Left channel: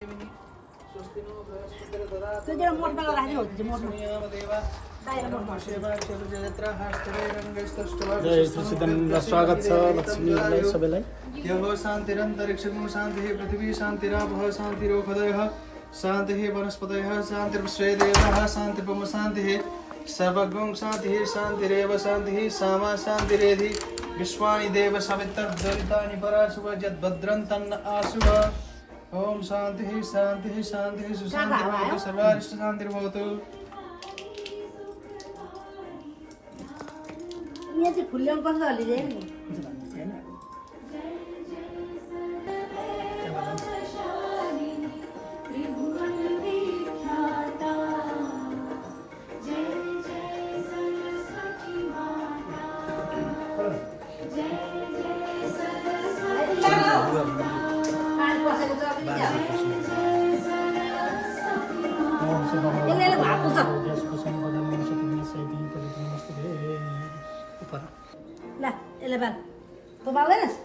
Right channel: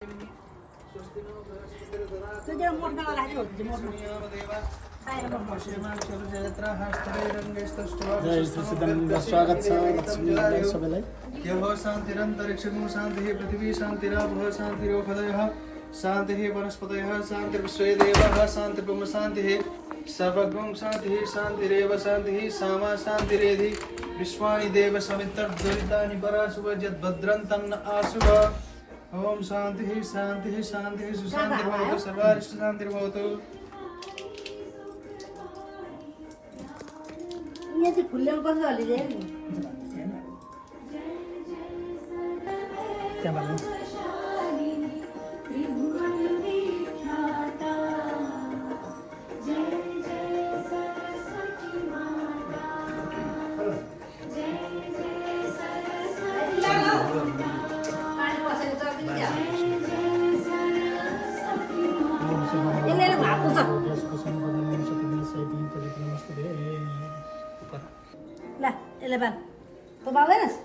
तुझ्या मोठा राहते होते मोठा जय श्रीसिद्धन स्वागत छ लक्ष्मीलाई सबैलाई यः शान्तिरन्तरिक्षं शान्तिः पृथिवी शान्तिरापः शान्तिरोषधयः शान्तिः वनस्पतयः शान्तिर्विश्वे देवाः शान्तिर्ब्रह्म शान्तिः सर्वगं शान्तिः शान्तिरेव शान्तिः सामा शान्तिरेधि विश्वानि देव सवितर्द्वैतानि पराशुभ यद्भद्रं तन्न आशुभ ओम शान्तिः शान्तिः शान्तिः सुशान्तिर्भवतु सर्वारिष्ट शान्तिर्भवतु। यहाँ चाहिँ फुल्याउनु पर्छ अलिअलि ल यसले बाल तँ बाल्दैनस्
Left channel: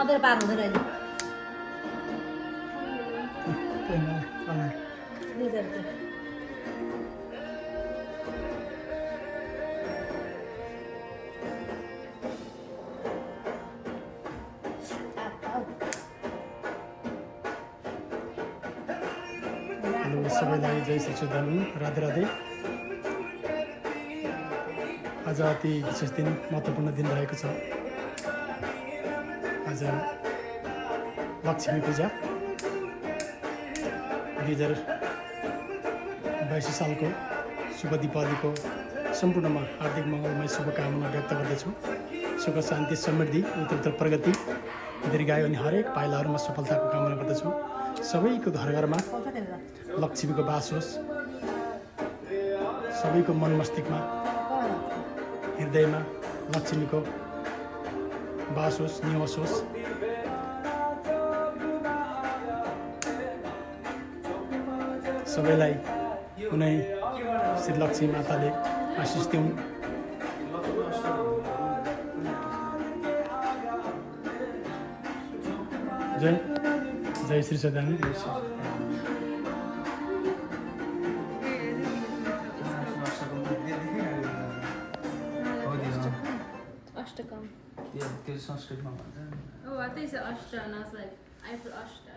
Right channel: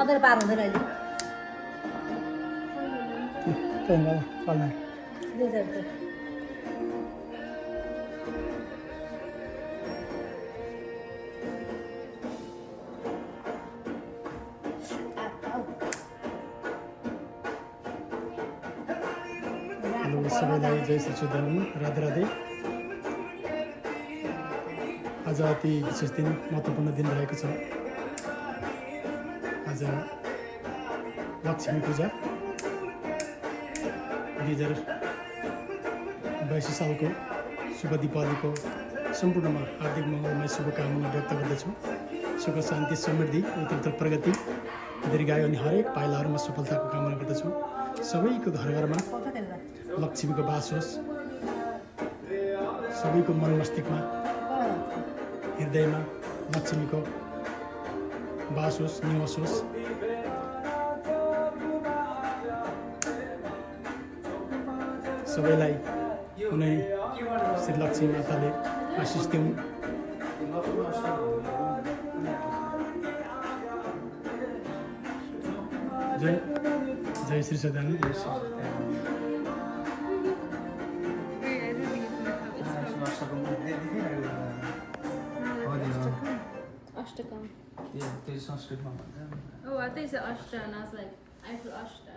अँधेर पार हुँदैन अहिले सबैलाई जय श्रीसिद्धन राधे राधे। आज अति विशेष दिन महत्त्वपूर्ण दिन रहेको छ। आज लक्ष्मी पूजा 2022 सालको शुभ दीपावलीको सम्पूर्णमा हार्दिक मङ्गलमय शुभकामना व्यक्त गर्दछु। सुख शान्ति समृद्धि उत्तरोत्तर प्रगति दीर्घायु अनि हरेक पाइलाहरूमा सफलताको कामना गर्दछु। सबैको घर घरमा लक्ष्मीको बास होस्, सबैको मन मस्तिष्कमा हृदयमा लक्ष्मीको बास होस्, निवास होस्। सबैलाई कुनै श्री लक्ष्मी माताले आशिष दिउन्। जय जय श्री सदान। Ashtakam. Yeah, त्यो संस्कृतमा भन्छ। Oh, I think it's Ashta, and I was like, I feel Ashta.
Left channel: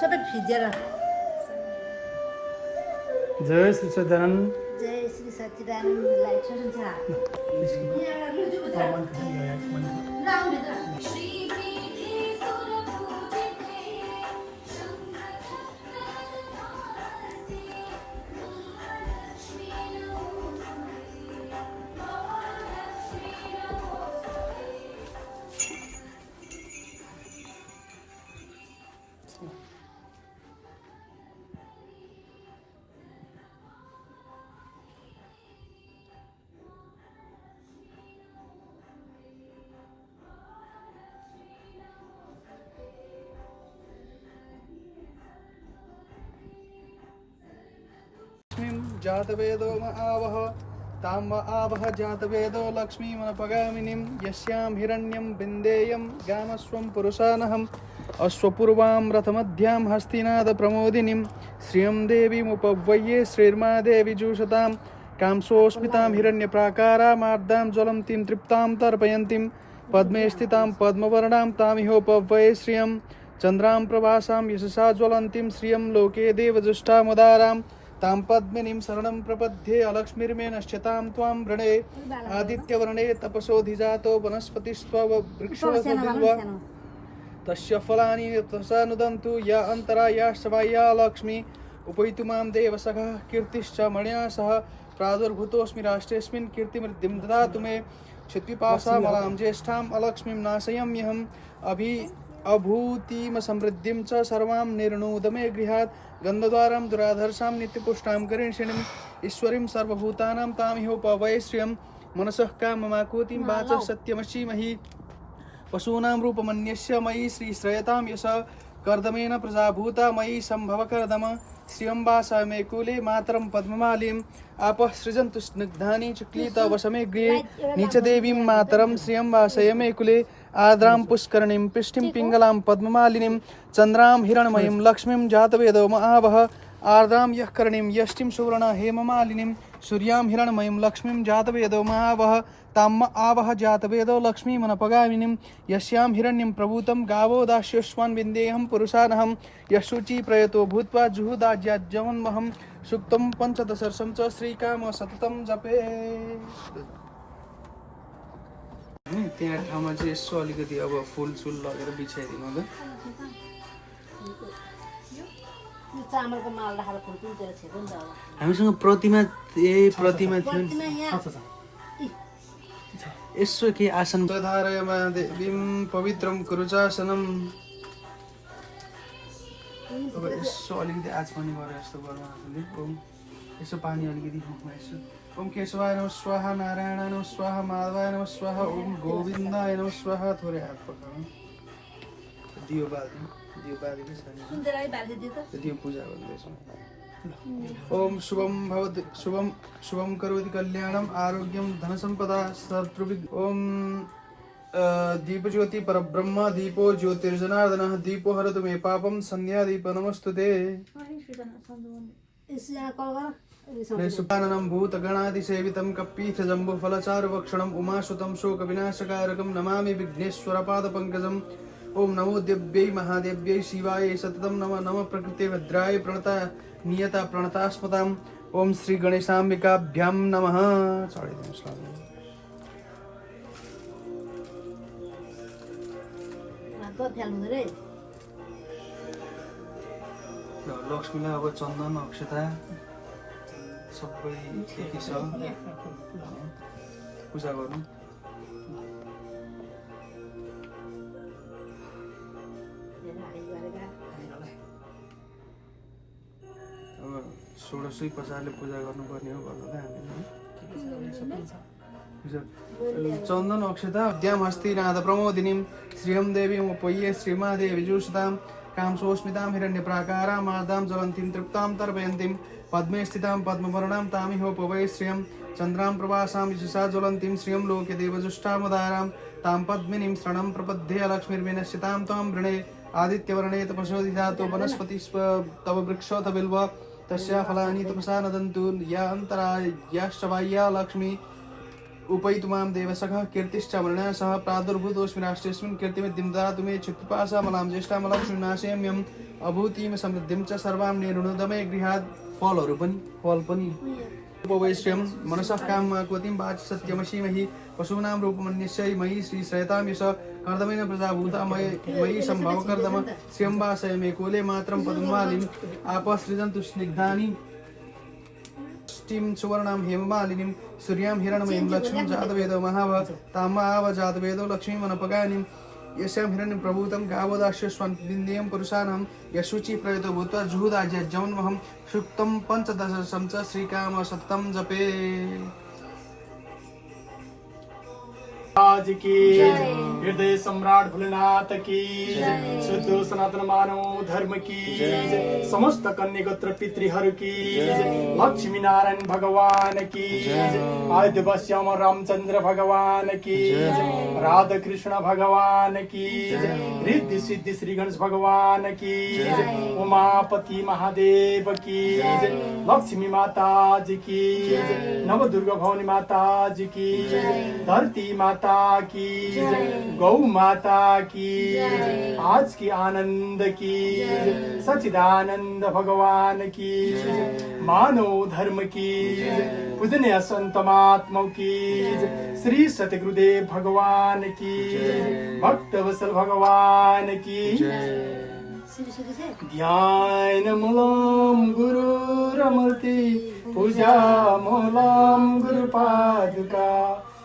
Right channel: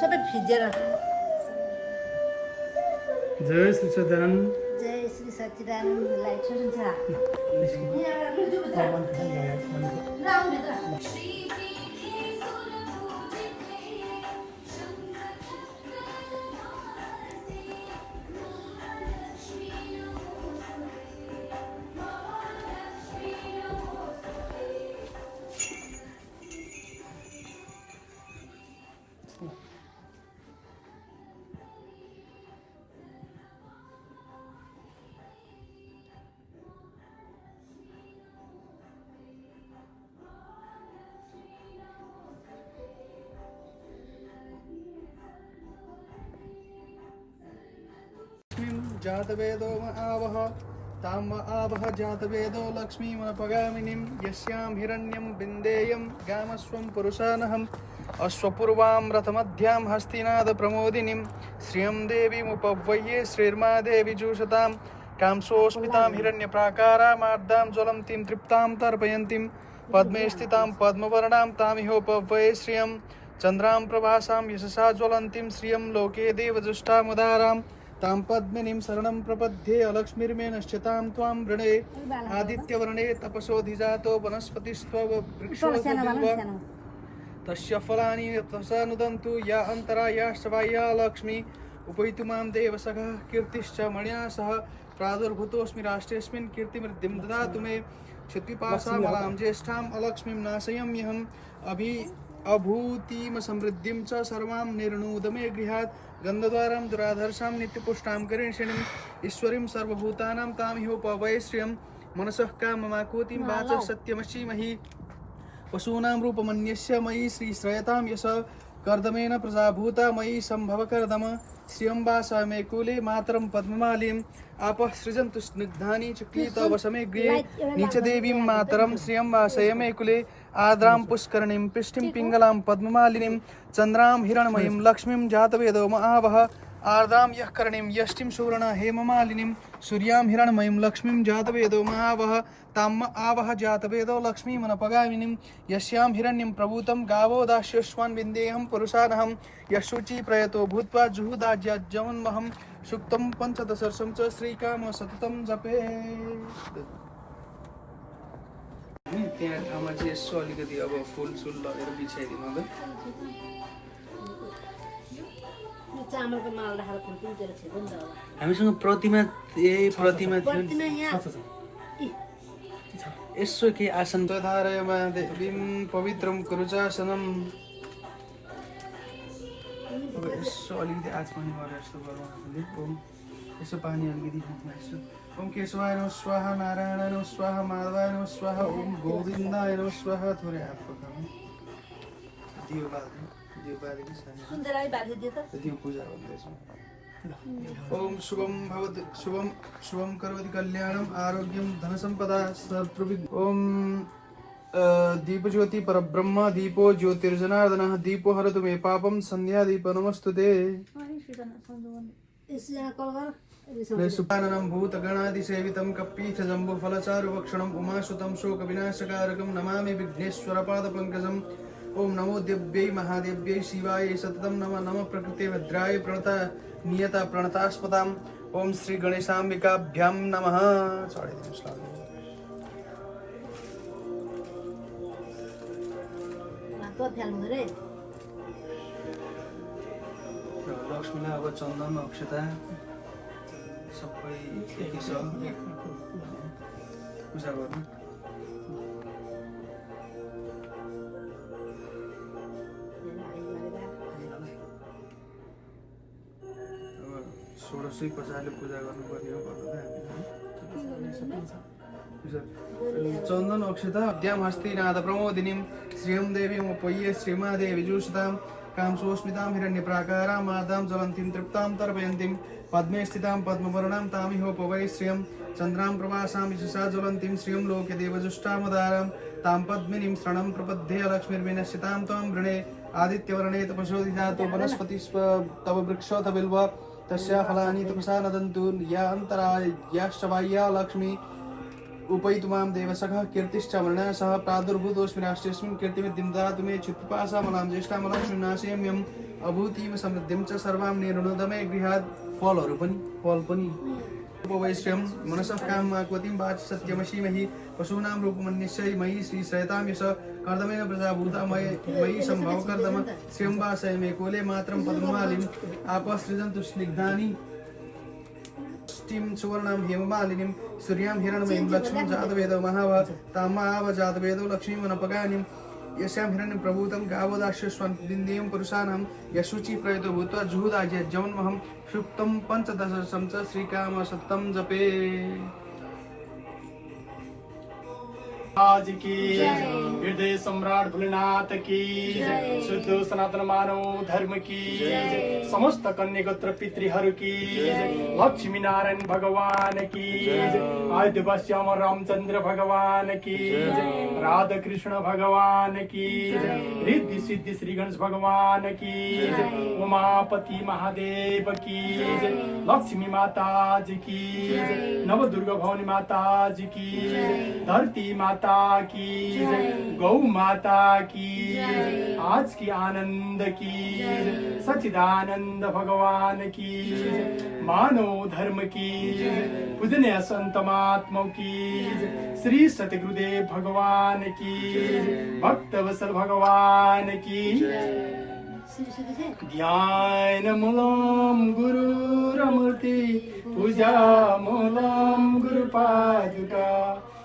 सबै फिजेर जय श्री सदान। जय श्री सच्चिदानन्द लाइट सुन्छ जातवेदो म आवह ताम म आवह जातवेदो लक्ष्मीमनपगामिनीं यस्यां हिरण्यं बिन्देयं गामस्वं पुरुषानहम् अश्वपूर्वां रथमध्यां हस्तिनादप्रमोदिनीं श्रियं देवीमुपव्यये श्रीर्मा देवी जुषतां कांसोऽस्मितां हिरण्यप्राकारामार्दां ज्वलन्तीं तृप्तां तर्पयन्तीं पद्मे स्थितां पद्मवर्णां तामिहोपव्यये श्रियं चन्द्रां प्रभासां यशसा ज्वलन्तीं श्रियं लोके देवजुष्टामुदारां तां पद्मिनीं शरणं प्रपद्ये अलक्ष्मीर्मे नश्यतां त्वां वृणे आदित्यवर्णे तपसोऽधिजातो वनस्पतिस्त्ववृक्षो तस्य फलानि त्वसा नुदन्तु या अन्तरा या शवाया लक्ष्मी उपैतुमां देवसखः कीर्तिश्च मणिना सह प्रादुर्भूतोऽस्मि राष्ट्रेऽस्मिन् कीर्तिमृद्धिं ददातु मे क्षितिपाशामलां ज्येष्ठाम् अलक्ष्मीं नाशयाम्यहम् अभूतिम समृद्धिं च सर्वां निर्णूदमे गृहात् गन्धद्वारं दुराधर्षां नित्यपुष्टां करिष्यणीम् ईश्वरीं सर्वभूतानां तामिहोपवये श्रियं मनसः काममाकुतिं वाचः सत्यमशीमहि पशूनां रूपमन्यस्य मयि श्रीश्रयतां यश कर्दमेन प्रजाभूता मयि सम्भवकर्दम श्रियं वासमे कुले मातरं पद्ममालीम् आपः सृजन्तु स्निग्धानि चुक्लीतवशमे गृहे नीचदेवीं मातरं श्रियं वासयमे कुले आर्द्रां पुष्करणीं पिष्टिं पिङ्गलां पद्ममालिनीं चन्द्रां हिरण्मयीं लक्ष्मीं जातवेदो महावः आर्द्रां यः करणीं यष्टिं सुवर्ण हेममालिनीं सूर्यां हिरण्मयीं लक्ष्मीं जातवेदो महावः ताम् आवह जातवेदो लक्ष्मीमनपगामिनीं यस्यां हिरण्यं प्रभूतं गावो दास्यस्वान् विन्देऽहं पुरुषानहं यशुचि प्रयतो भूत्वा जुहुदाज्याज्यमुन्महं सुक्तं पञ्चदशर्षं च श्रीकाम सततं जपे। त्यहाँ ठाउँमा चाहिँ यसो अलिकति अब फुलसुल लगेर बिछाइदिनु त। यो चामलको माल राखेर फुल पनि त्यसले छेक्नु नि त अब। हामीसँग प्रतिमा प्रतिमा थियो प्रतिमा यहाँ यसो के आसन धारयमा देवीं पवित्रं कुरुचासनम्। अब यसो अलिकति आज पनि गरे जस्तो गरौँ हामीले। ओम यसो पानी अलिकति यसो ओम केशवाय नमः स्वाहा नारायणाय नमः स्वाहा माधवाय नमः स्वाहा ओम गोविन्दाय नमः स्वाहा। थोरै हात पक्राउनु दियो बाल्नु सुन्दै राई बाल्दियो त दियो पूजा गर्दैछौँ। ओम शुभम भवति शुभम करोति कल्याणम आरोग्यम धनसंपदा सर्वविघ्न। ओम दीपज्योति परब्रह्म दीपो ज्योतिर्जनार्दनः दीपो हरतु मे पापम संध्या दीप नमस्तुते। यसो यहाँ कल गर सुपाननं भूतगणादिसेवितं कपीथजम्बुफलचारुभक्षणम् उमासुतं शोकविनाशकारकं नमामि विघ्नेश्वरपादपङ्कजम्। ओम नमो देव्यै महादेव्यै शिवाय सततं नमः नमः प्रकृते भद्राय प्रणता नियता प्रणतास्पदाम्। ओम श्री गणेशाम्बिकाभ्यां नमः। हातमा फ्याल्नु रे लक्ष्मीले अब चन्दन अक्षता सबै के छ पूजा गर्नु। अब 1600 प्रकारले पूजा गर्नुपर्ने हो भन्दा हामीले चन्दन अक्षता अद्याम हस्ति नाद प्रमोदिनीं श्रियं देवीं उपय्य श्रीमादेवी जुषतां कामसोस्मितां हिरण्यप्राकारां मार्दां ज्वलन्तीं तृप्तां तर्पयन्तीं पद्मे स्थितां पद्मवर्णां तामिहोपवै श्रियं चन्द्रां प्रवासां विशेषा ज्वलन्तीं श्रियं लोके देवजुष्टामुदारां तां पद्मिनीं शरणं प्रपद्ये लक्ष्मीर्विनश्यतां त्वां वृणे आदित्यवर्णे तपसोधिधातो वनस्पति तव वृक्षोऽथ बिल्व तस्या फलानि तपसा नदन्तु या अन्तरायाश्च बाह्या लक्ष्मी उपैतुमां देवसखः कीर्तिश्च वर्णः सह प्रादुर्भूतोऽस्मि राष्ट्रेऽस्मिन् कीर्तिमिद्धिं ददातु मे चित्तपासामलां ज्येष्ठामलां श्रीनाशयम्यम् अभूतिं समृद्धिं च सर्वां निर्णुदमे गृहात्। फल पनि उपवैश्यं मनसः काममाकुतिं वाचि सत्यमसीमहि पशूनां रूपमन्यस्यै मयि श्रीश्रयतां यश कर्दमेन प्रजाभूता मयि सम्भवकर्दम श्रियं वासय मे कोले मात्रं पद्ममालिम् आपः सृजन्तु स्निग्धानि सुवर्णां हेममालिनीं सूर्यां हिरण्मयीं लक्ष्मीं जातवेदो महावः तामाव जातवेदो लक्ष्मीमनपगानिं यस्यां हिरण्यं प्रभूतं गावो दास्यस्वान् विन्देयं पुरुषाणां यशुचि प्रयतो भूत्वा जुहुदाज्यमुन्महं सुक्तं पञ्चदशं च श्रीकाम सततं जपे। आज की हृदय सम्राट भोलेनाथ की शुद्ध सनातन मानव धर्म की समस्त कन्या गोत्र पितृहरू की लक्ष्मी नारायण भगवान की आदिवासी अमर रामचंद्र भगवान की राधा कृष्ण भगवान की रिद्धि सिद्धि श्री गणेश भगवान की उमापति महादेव की लक्ष्मी माता जी की नव दुर्गा भवानी माता जी की धरती माता की गौ माता की आज की आनंद की सच्चिदानंद भगवान की मानव धर्म की पूजनीय संत महात्माओं की श्री सतगुरुदेव भगवान की भक्त वत्सल भगवान की ध्यान मूलम गुरुरमूर्ति पूजा मूलम गुरुपादुका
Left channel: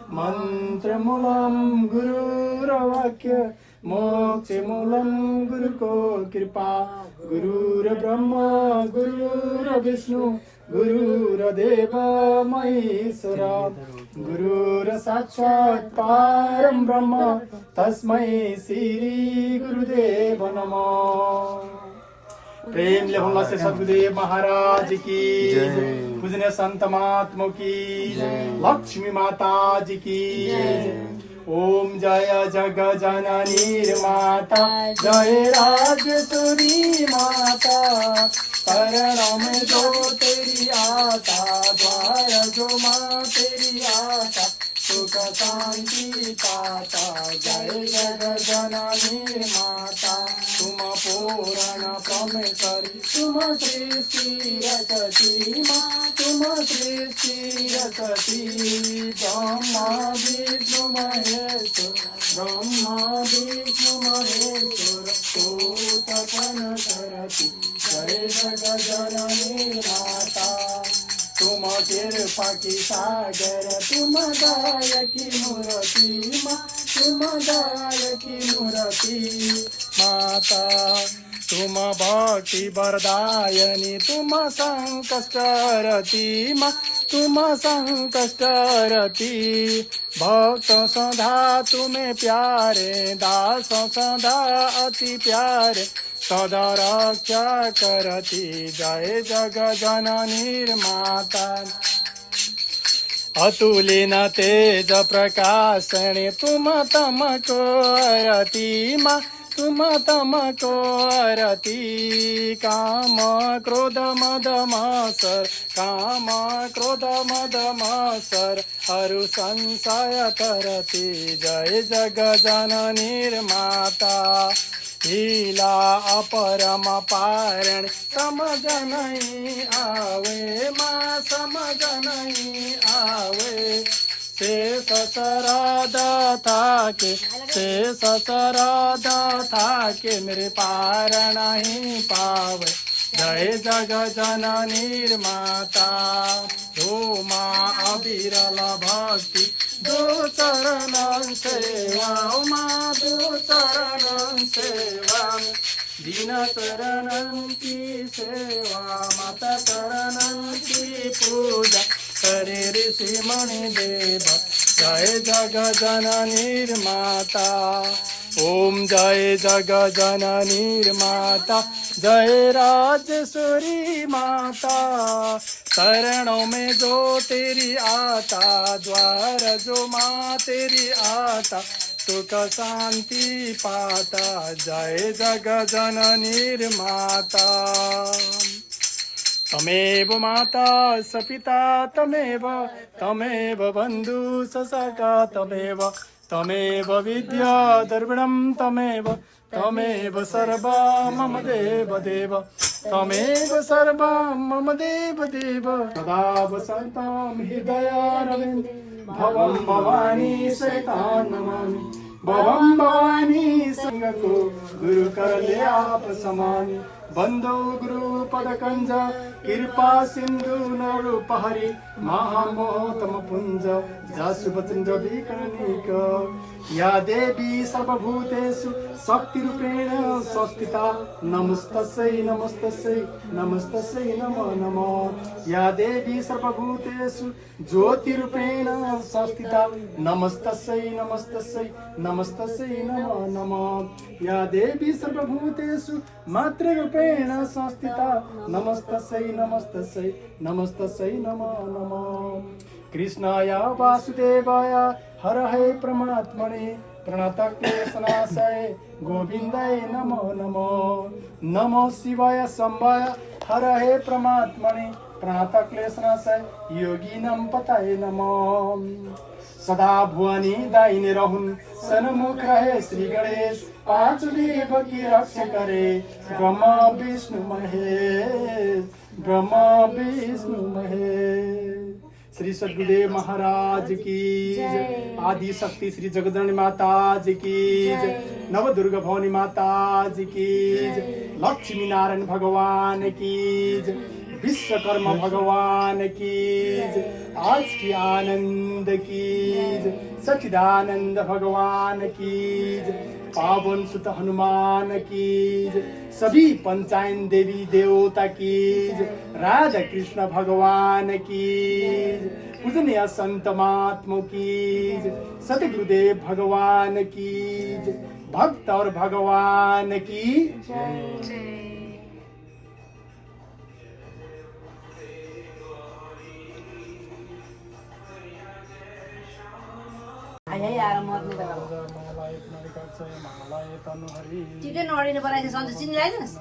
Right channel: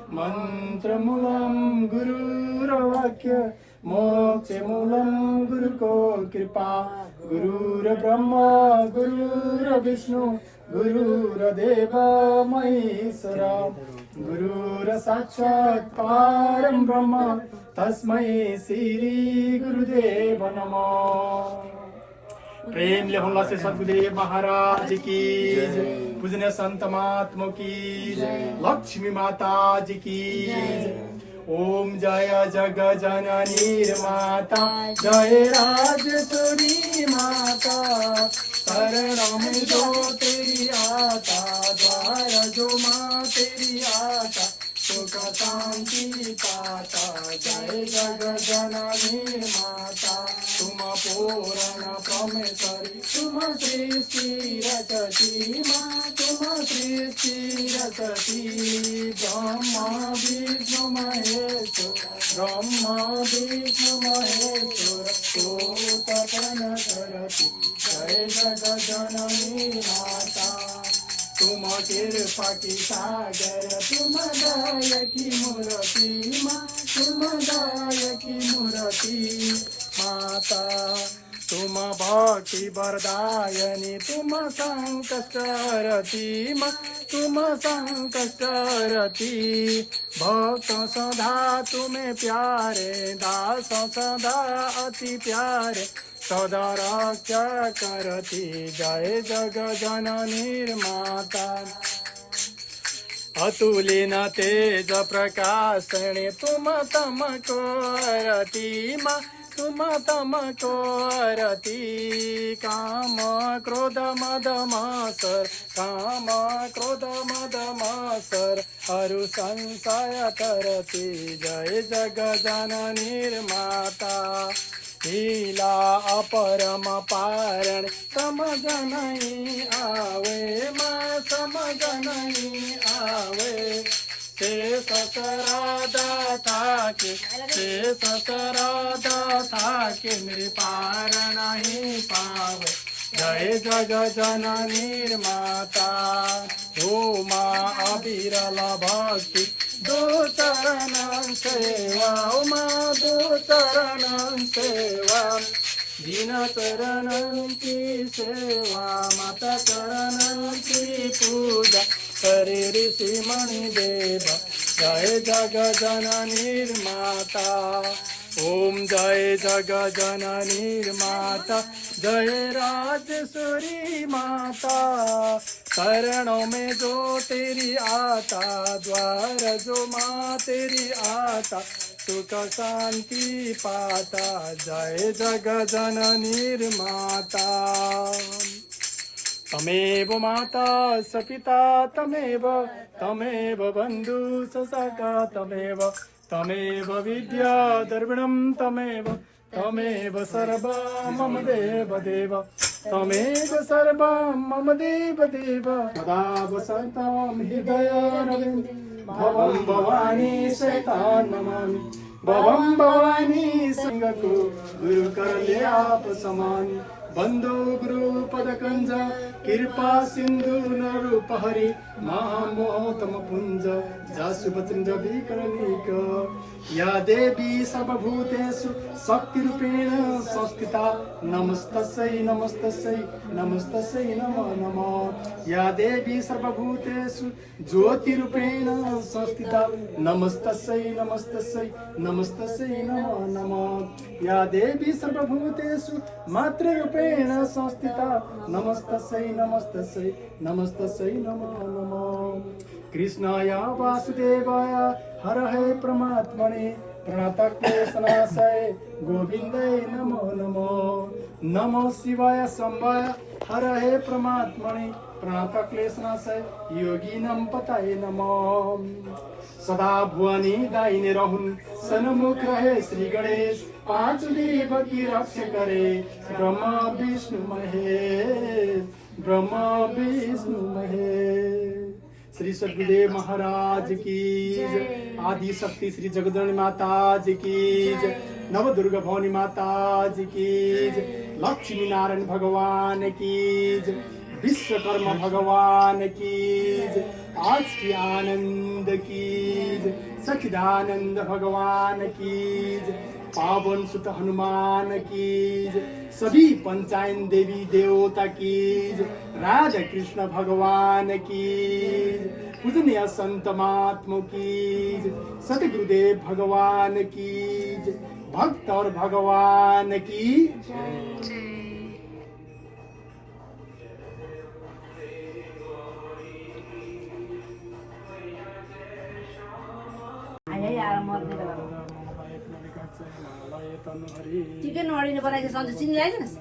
मंत्रमूलम गुरुरवाक्य मोक्षमूलम गुरुको कृपा गुरुर्ब्रह्मा गुरुर्विष्णु गुरुर्देव महेश्वरा गुरुर्साक्षात् परं ब्रह्म तस्मै श्री गुरुदेव नमः। प्रेम लेखुल्ला से सद्गुरुदेव महाराज की पूजनीय संत महात्मा की लक्ष्मी माता जी की ओम जय जग जननी माता जय राजेश्वरी माता शरणों में जो तेरी आता द्वार जो माँ तेरी आता सुख शांति पाता जय जग जननी माता तुम पुराण परमेश्वरी तुम सृष्टि रचती माँ तुम सृष्टि रचती ब्रह्मा विष्णु महेश्वर ब्रह्मा विष्णु महेश्वर तपन करती जय जग जननी माता तुम कृपा की सागर तुम दया की मूर्ति माँ तुम दया की मूर्ति माता तुम भक्ति वरदायनी तुम संकष्टरती माँ तुम संकष्टरती भक्त सदा तुम्हें प्यारे दास सदा अति प्यारे सदा रक्षा करती जय जग जननी माता अतुलिन तेज प्रकाशने तुम तमको रति माँ तुम तमको रति काम क्रोध मद मत्सर काम क्रोध मद मत्सर अरु संशय करती जय जग जननी माता लीला अपरम पारण समझ नहीं आवे माँ समझ नहीं आवे शेष शरदा था के मेरे पार नहीं पावे जय जग जननी माता हो माँ अविरल भक्ति दो चरण सेवा माँ दो चरण सेवा दीन चरण की सेवा माता चरण की पूजा करे ऋषि मणि देव जय जग जननी माता ओम जय जग जननी माता जय राजेश्वरी माता शरणों में जो तेरी आता द्वार जो माँ तेरी आता सुख शांति पाता जय जग जननी माता तमेव माता स पिता तमेव बन्धु स सखा तमेव विद्या द्रविणं तमेव सर्वा मम देव तमेव सर्वा मम देव सदा वसन्तं हृदयारविन्दे भवं भवानी शैतान नमामि भवं भवानी सिंहको गुरु करल्याप समामि बंधो गुरु पद कंज कृपा सिंधु नरूपहरि महामोहतम पुंज जासु वचन विकर्णिक या देवी सर्वभूतेषु शक्तिरूपेण संस्थिता नमस्तस्यै नमस्तस्यै नमस्तस्यै नमो नमः या देवी सर्वभूतेषु ज्योतिरूपेण संस्थिता नमस्तस्यै नमस्तस्यै नमस्तस्यै नमो नमः या देवी सर्वभूतेषु मातृरूपेण संस्थिता नमस्तस्यै नमस्तस्यै नमस्तस्यै नमो नमः कृष्णाय वासुदेवाय हर हे परमात्मने प्रणतक्लेशनाशाय गोविन्दाय नमो नमो नमो शिवाय शम्भाय हर हे परमात्मने प्रणतक्लेशनाशाय योगिनं पताय नमो सदा भुवनी दाहिने रहुन् सन्मुख रहे श्री गणेश पांच देव की रक्षा करे ब्रह्मा विष्णु महेश श्री सद्गुरुदेव महाराज की जय आदि शक्ति श्री जगदम्बा माता जी की जय नव दुर्गा भवानी माता जी की जय लक्ष्मी नारायण भगवान की जय विश्वकर्मा भगवान की जय आज की आनंद की जय सच्चिदानंद भगवान की जय पावन सुत हनुमान की जय सभी पंचायन देवी देवता की जय राधा कृष्ण भगवान की जय पूजनीय संत महात्मा की जय सतगुरुदेव भगवान की जय भक्त और भगवान की जय। यार मत मङ्गलाय तनुहरि टिकै नअडिनु बनाएछ सन्चो चिनी आएनस्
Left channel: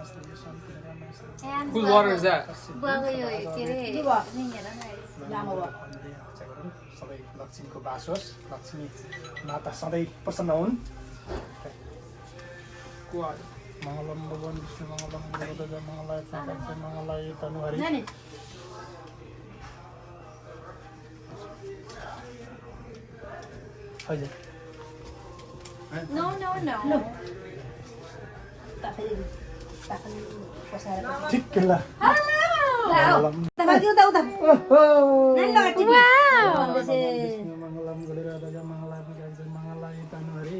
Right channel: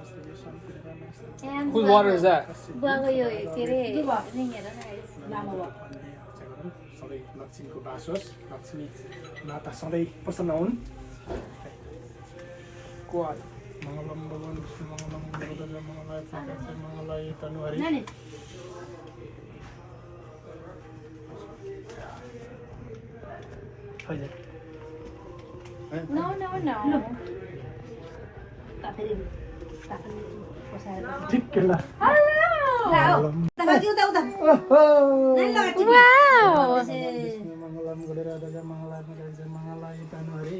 Whose water is that? बुवाको यो के अरे के भयो नि हेर न लामो भयो सधैँ लक्ष्मीको बास होस् लक्ष्मी माता सधैँ प्रसन्न हुन् मङ्गलम भगवान् विष्णु मङ्गलम गरुडध्वज मङ्गलाय तनुहरि मङ्गलाय तनुहरि नानी हजुर No, no, no. ठिक केला मङ्गलम गरुडध्वज मङ्गलाय तनुहरि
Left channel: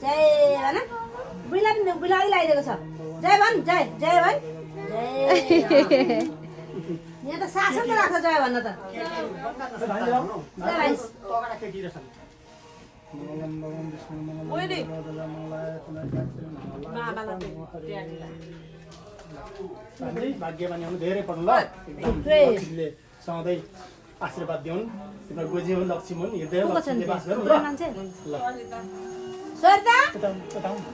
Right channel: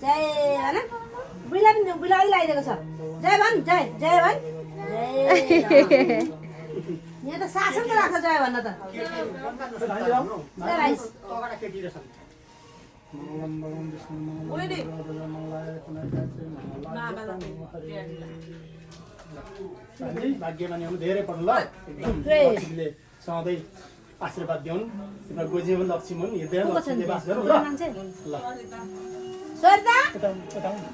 जय भन बुढीलाई पनि बुढीलाई लगाइदिएको छ जय भन जय जय भन जय यहाँ त शासन त राख्छ जय भन्न त मङ्गलम भगवान् विष्णु मङ्गलम गरुडध्वज मङ्गलाय तनुहरि भाग्यमानी हुनु धेरै पढ्नु ल एकदम लक्ष्मीले सधैँ आशीर्वाद दिउन् तिम्रो गोजी पनि लक्ष्मी हुन् हृदय लक्ष्मीले बास गरौँ ल मान्छे ल सरिता उता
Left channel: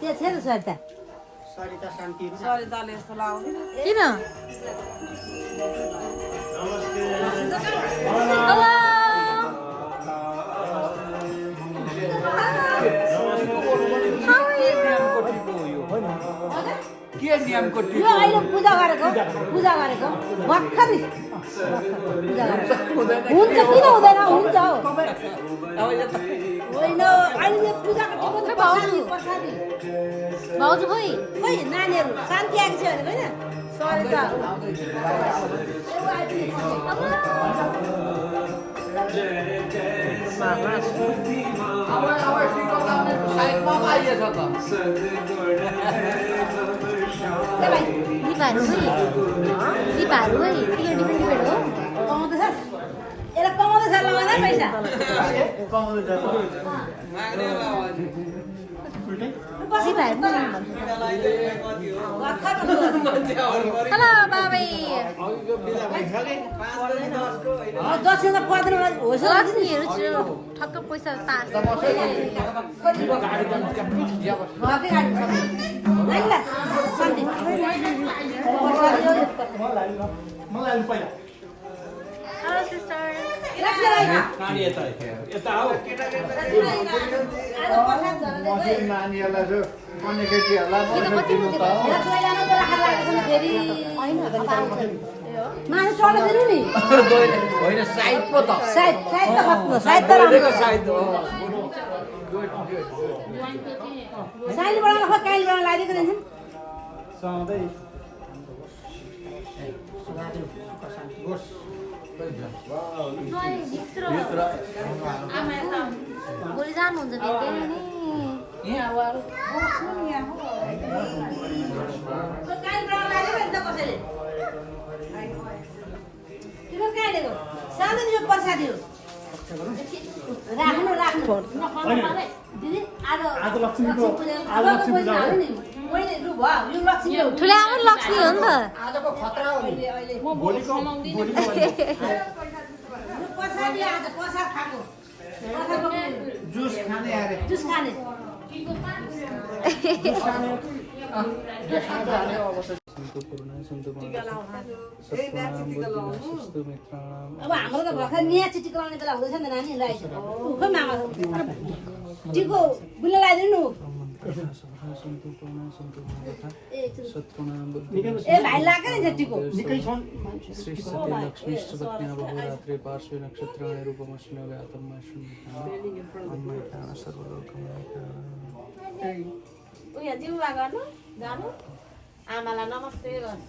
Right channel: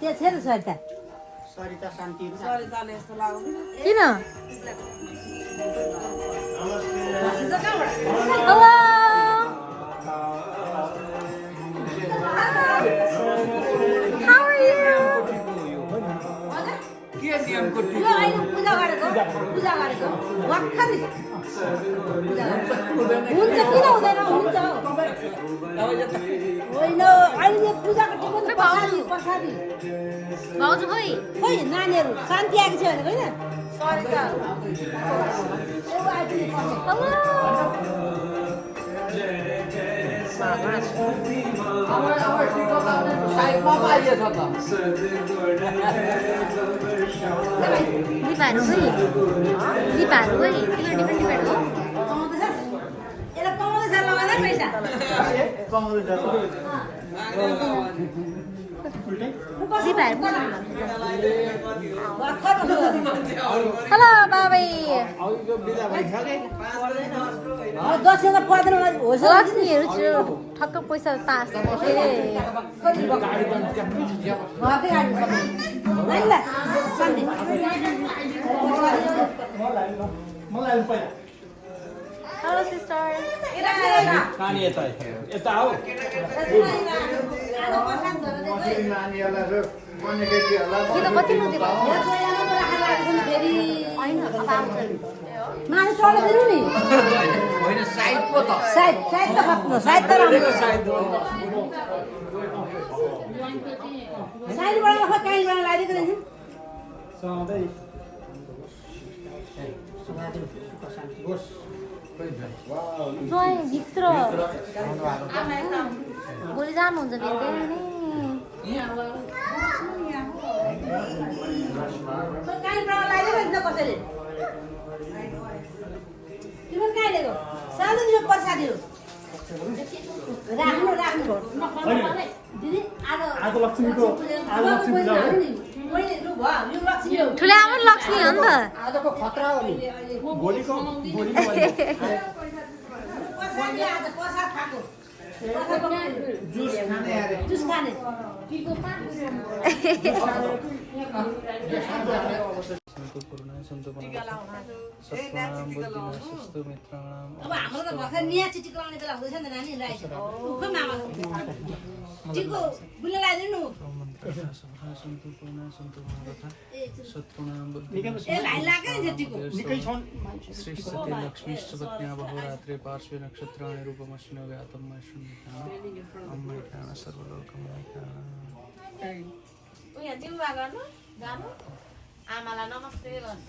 त्यो छ नि सरिता किन यो अहिले पूजा गरेको भर्खरै हुन्छ किन हुँदैन हुन्छ होइन अहिले यो पूजाको टिकट प्रसादी प्रसादी भाउजू खोइ खोइ नानीहरू शान्ति आएको छ भनेको दिपाहरू खोइ दिपाहरू खोइ टिकट डिपेन्ड हो कमाउँदैछ यसलाई कमाउँदैछ लगाउँदै पैसा हेलो बाबै दसैँ त पर्दैन होस् लक्ष्मीहरू छिटो ठक्क पैसा पास घरकै गाडी नानीलाई शान्ति मलाई पहिला हेलो सिस्टर नानी यता यता आऊ किन कति रुपे भयो माथि चढ्दिनु नि होइन साइड पो त सायद सायद त खप्नु सायद त राम्रो साइडबाट नख काहीँबाट लगाइदिएको रहेछ सधैँ भोलि जानुहुन्छ फेरि काहीँबाट लगाइदिएको रहेछ कसैले तिम्रो कहाँ लिएको सानो यो प्रसादी हो राख्नु राख्नु दिदी आज लक्ष्मीको आज लक्ष्मी पूजा हो मैले लु भयो यो लक्ष्मी हो ठुलो आमा लक्ष्मी हो नि त भोलिको प्रसादी आज प्रसाद खाएको जुस खाने यार जुस खाने अब हाम्रो त भर्खर नयाँ चिठी कराउने बेला हुँदैछ नि त नानीलाई उखो मामा टिको बुल्ला लगाइदिनु ए भाइ लाग्यो नि टिको निकै छन् लक्ष्मी सुपत्न्या बहुरात्रे पार्श्वे नक्षत्राणि रूपमस्मिन् व्यातं मह्यं सर्वलोकमयः उयो जिम्मा गर्नु जानु आमालाई नमस्ते गर्नु